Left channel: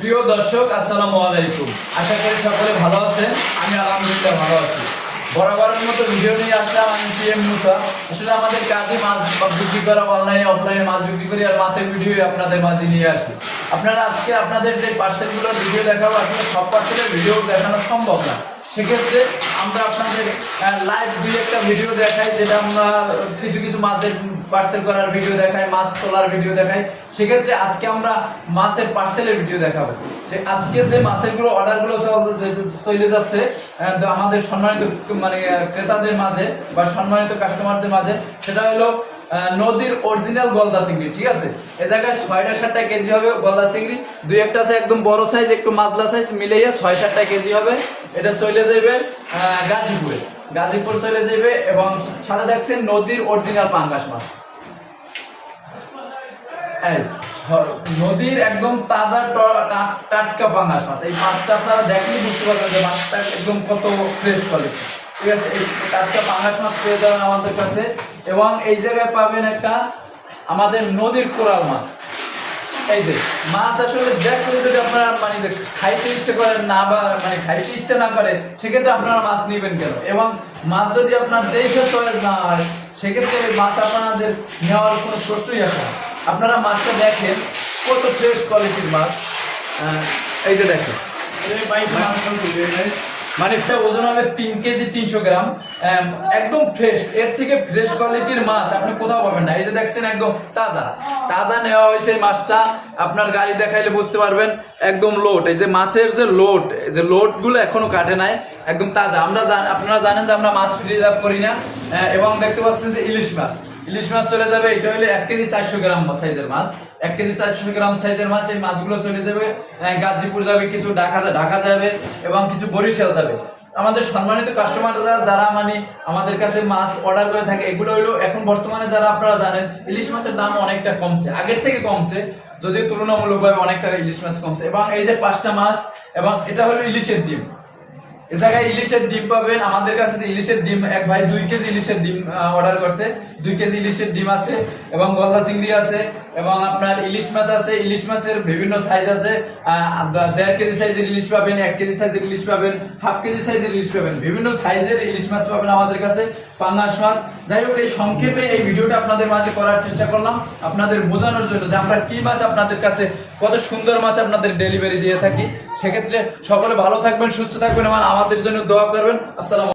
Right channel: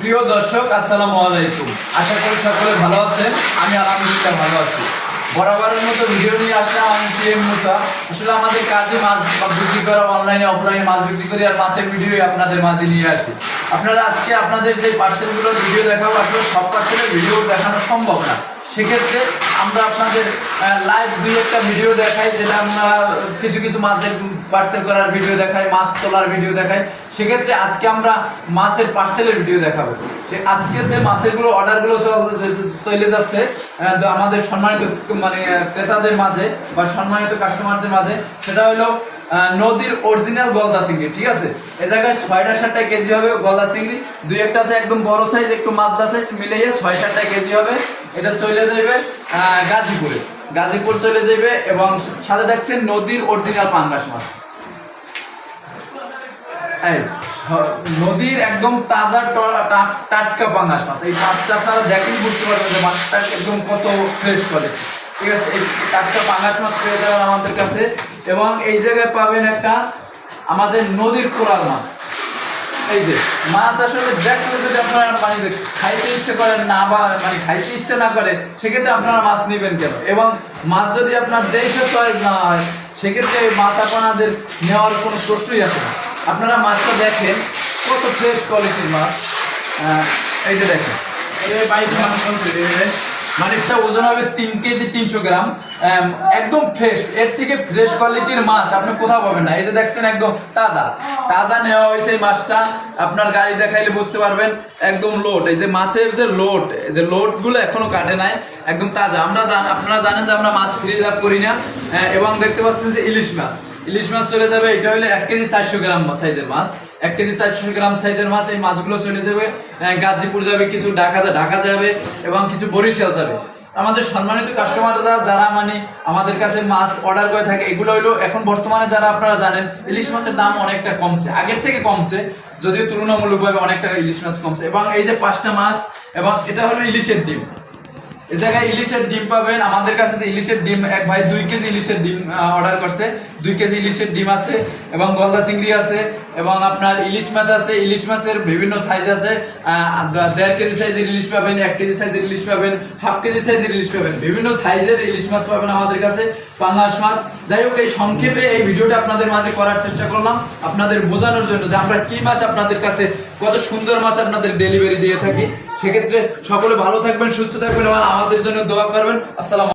প্রিয় দর্শক, আসসালামু আলাইকুম। আশা করি সকলে ভালো আছেন। আমি আলহামদুলিল্লাহ ভালো আছি। বরাবরের মতো ভিডিও নিয়ে আসলাম। আমি সিএম মুসা। আসলে আমাদের কাজে মাছ বিক্রি করা, অনলাইনে অফলাইনে মাছ বিক্রি করি, আর মাছের ভিডিও আপনাদের মাঝে নিয়ে আসি। আপনারা আজকে আপনাদের যে পার্সেলগুলোর ভিডিও দেখাবো, আসলে সব পার্সেলের ভিডিও দেখানো সম্ভব না। সেক্ষেত্রে আমরা আপনাদের লাইভ দুই একটা ভিডিও দেখাই, যেটা আমরা কিছু কিছু মাছের পার্সেল করার ভিডিও দেখাই, মাছ তোলার ভিডিও দেখাই। সেক্ষেত্রে আজকে আমরা মাছের পার্সেলের ভিডিও দেখাবো। আজকে যে মাছেরগুলো অর্ডারগুলো চলে যাচ্ছে আমাদের সম্মানিত ক্রেতাদের মাঝে বা সম্মানিত কাস্টমারদের মাঝে, সেটা হলো নদীর অরিজিনাল গলদা চিংড়ি। ঠিক আছে, এই জায়গায় 6-7 কেজি হবে গলদা চিংড়ি। দুই একটা আছে একদম বড় সাইজ, একটু মাঝলা সাইজ, মিলিয়ে 6-7 কেজি হবে। এটা চলে যাবে গাজীপুর চলে যাবে। এবং সাথে দেখছেন নদীর অরিজিনাল পাঙ্গাস মাছ, নদীর একদম তাজা টাটকা পাঙ্গাস মাছ। এই মাছটা আপনারা দেখলেই বুঝতে পারবেন যে মাছটা একদম কত ফ্রেশ কোয়ালিটি। ঠিক আছে, এই টাটকা পাঙ্গাস মাছ পেয়ে যাবেন আমাদের কাছে। এবং এই জায়গায় পাবেন একটা আমাদের নদীর কোরাল মাছ। এই যে মাছ আসলে দেখতে যদি আপনারা খাইতে ইচ্ছে করেন না, বা খাইতে ইচ্ছে না করে, সেক্ষেত্রে আপনারা মাছ নেবেন কেন? এবং মাছ যদি আপনার দেখে চয়েস না হয়, সেক্ষেত্রে মাছ আপনাদের নেওয়ার কোনো প্রশ্নই আসে না। আপনারা মাছটা দেখেন কত ফ্রেশ কোয়ালিটির মাছ। এই যে দেখেন, একটা ওজন হবে 3 কেজি 300 গ্রাম, একদম ফ্রেশ। এর থেকে ফ্রেশ কোয়ালিটির মাছ আপনি কোথাও পাবেন না। এই যে দেখছেন একদম তাজা নেওয়া হয়েছে। এই মাছটা আপনার গাড়ি দেখাইলে বুঝতে পারবেন, একদম লোড। এই যে মাছের যে লোড গুলো এখনো কাটে নাই, একদম তাজা। আপনারা জানেন যে আমরা মাছ ফ্রিজ আপ করি না। এবং দেখতে পাচ্ছেন যে ইলিশ মাছ চলে যাবে। এটা হলো 1 কেজি 400 গ্রাম সাইজের মাছ। 1 কেজি 400 গ্রাম সাইজের মাছ। এই মাছগুলো চলে যাবে গাজীপুর যাবে, কিছু ঢাকা যাবে, এবং কিছু বরিশাল যাবে। আমাদের সম্মানিত কাস্টমার যারা আমাদের কাছে মাছ অর্ডার করে থাকে, এগুলো হলো এখন বর্তমানে যারা আপনারা জানেন ইলিশ মাছের দাম অনেকটা কমছে, আগের থেকে কমছে, যদিও তুলনামূলকভাবে অনেকটা ইলিশ মাছ কমছে। এবং এই যে 5টা মাছ, এবং এটা হলো ইলিশের ডিম। এই জায়গায় ইলিশের ডিম পাবেন আমাদের কাছে। যে ইলিশের ডিম, এক ভাই 2 কেজি ইলিশের ডিম অর্ডার করছে। 2 কেজি ইলিশের ডিম আছে, এবং গলদা চিংড়ি আছে, এবং আপনার ইলিশ মাছ আছে। ইলিশ মাছের বিভিন্ন সাইজ আছে। 1.5 কেজি সাইজের ইলিশ পাবেন, 1 কেজি সাইজের ইলিশ পাবেন, 1/2 কেজি সাইজের ইলিশ পাবেন, বিভিন্ন সাইজের ইলিশ মাছ পাবেন আমাদের কাছে, পাঙ্গাস মাছ। যাই হোক, এই সংক্ষেপে এই ভিডিওটা আপনাদের মাঝে করার চেষ্টা করলাম, আপনাদের বোঝানোর জন্য যে আমরা কি মাছ আপনাদের কাছে, কত সুন্দর মাছ আপনাদের ডেলিভারি দিয়ে থাকি। সেক্ষেত্রে সকলে ভালো থাকবেন, সুস্থ থাকবেন, এবং আমাদের জন্য দোয়া করবেন। আসসালাম।